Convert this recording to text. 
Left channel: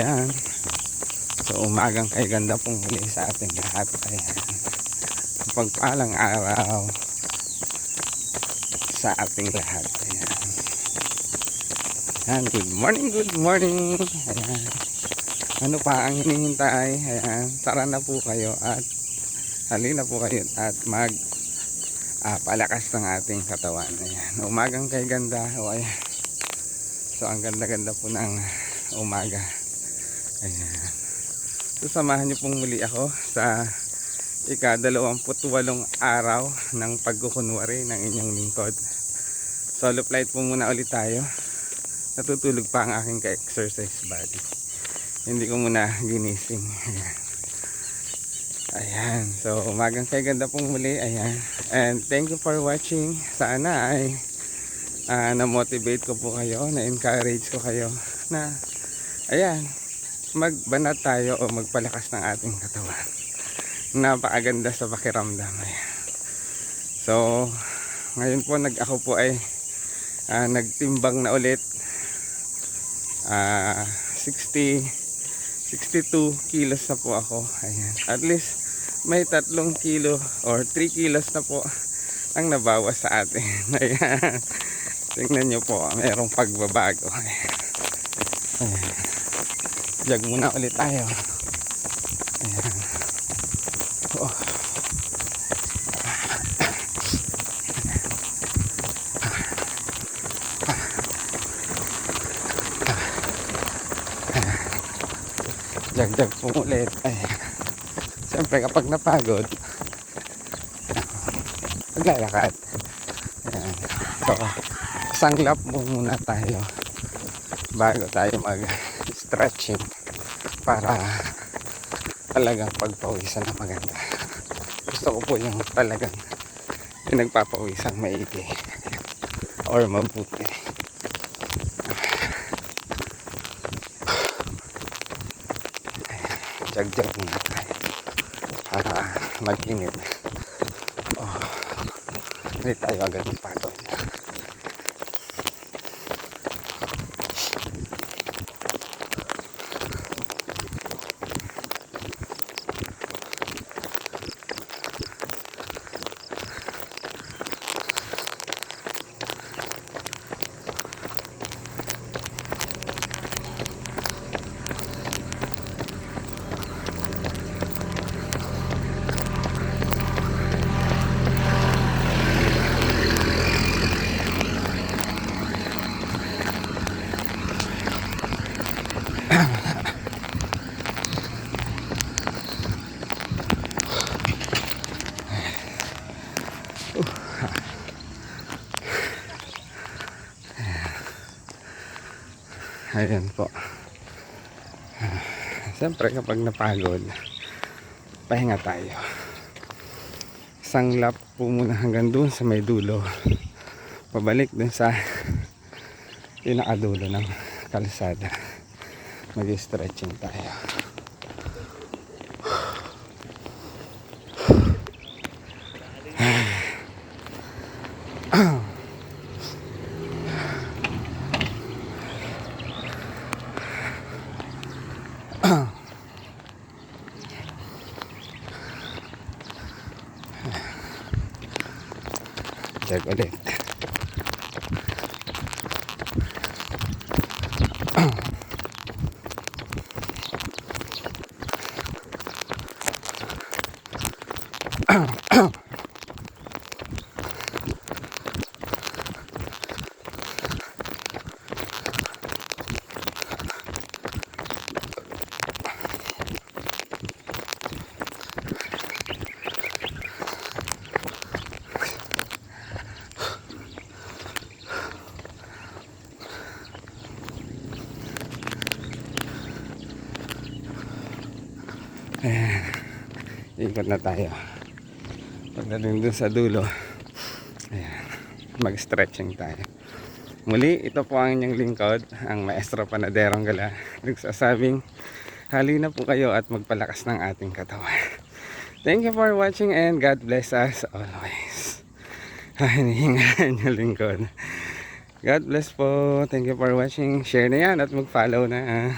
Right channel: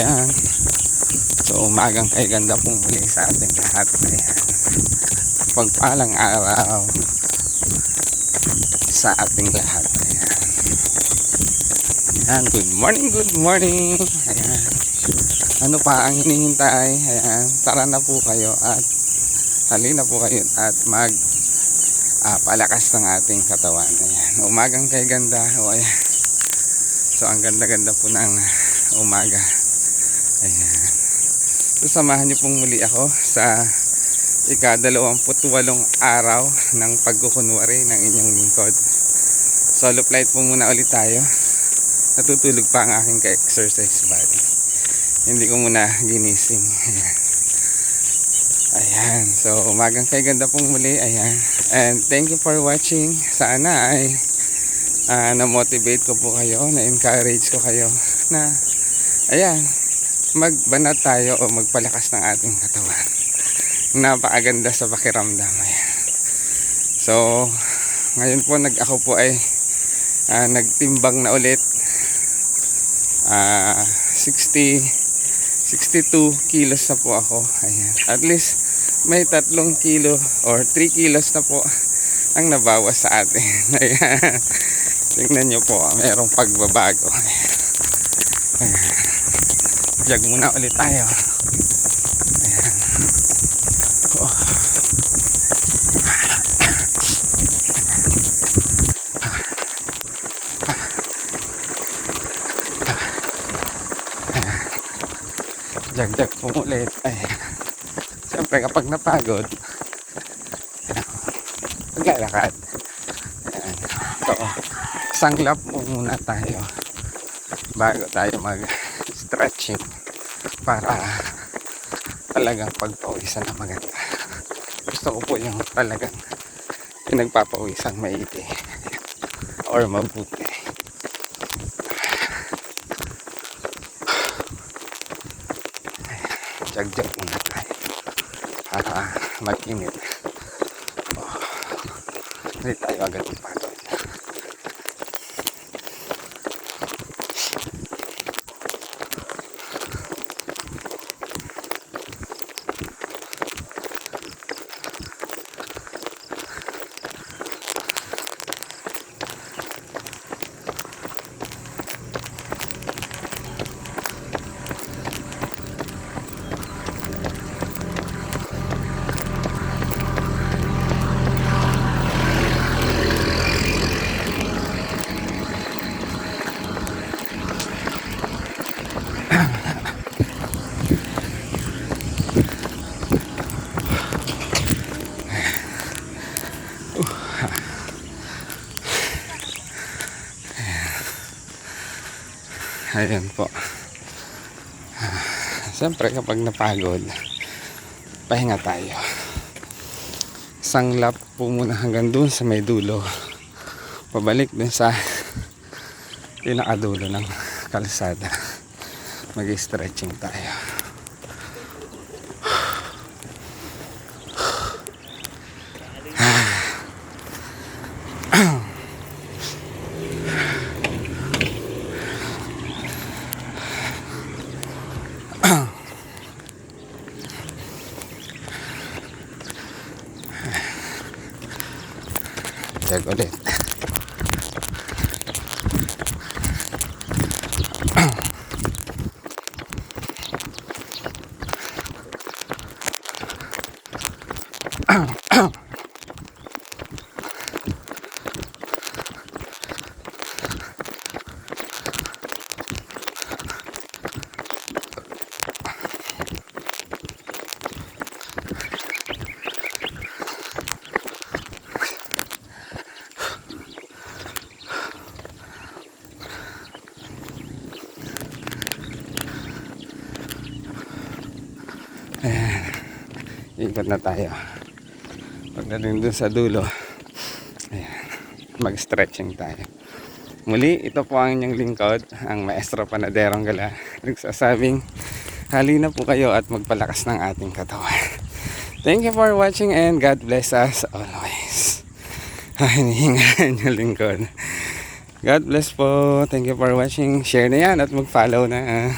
Ayan. So umagang kay ganda pong muli sa ating lahat. Ayan. Pagpalang araw sa ating lahat. Ayan. Ayan. Good morning, good morning. Ayan. Ano pa ang hinihintay? Ayan. Tara na po kayo at halina po kayo at palakas ng ating katawan. Ayan. Umagang kay ganda. O ayan. So ang ganda-ganda po ng umaga. Ayan. So samahan niyo pong muli ako sa ika-28 araw ng pagkukunwari ng inyong lingkod. Solo flight po muna ulit tayo. Natutulog pa ang aking ka-exercise body. Hindi ko muna ginising. Ayan. Ayan. So umagang kay ganda pong muli. Ayan. And thank you for watching. Sana ay na-motivate ko po kayo, na-encourage ko kayo na ayan, magbanat tayo o magpalakas ng ating katawan. Napakaganda sa pakiramdam. Ayan. So ngayon po ako po ay nagtimbang na ulit. 62 kilos na po ako. Ayan. At least may 3 kilo or 3 kilos na po ang nabawas sa atin. Ayan. Tingnan nyo po, mayroong pagbabago. Ayan. Jog muna ulit tayo. Ayan. Oh. Jag po ulit. Ayan. Siyempre kapag napagod, maglalakad. Ayan. So, sanglap po muna tayo bago tayo mag-stretching para talagang pagpawisan na maganda. Gusto ko po yung talagang pinagpapawisan maigi or mabuti. Jag muna tayo para mag-init. Hindi tayo agad yung pato. Ayan po. Siyempre kapag napagod, pahinga tayo. Sanglap po muna hanggang dun sa may dulo. Pabalik dun sa pinakadulo ng kalsada. Mag-stretching tayo. Check ulit. Ayan. Ikot na tayo. Pagdating dun sa dulo, ayan, mag-stretching tayo. Muli, ito po ang inyong lingkod, ang Maestro Panaderong Gala. Nagsasabing, halina po kayo at magpalakas ng ating katawan. Thank you for watching and God bless us always. Hinihingaan yung lingkod. God bless po. Thank you for watching. Share na yan at mag-follow na.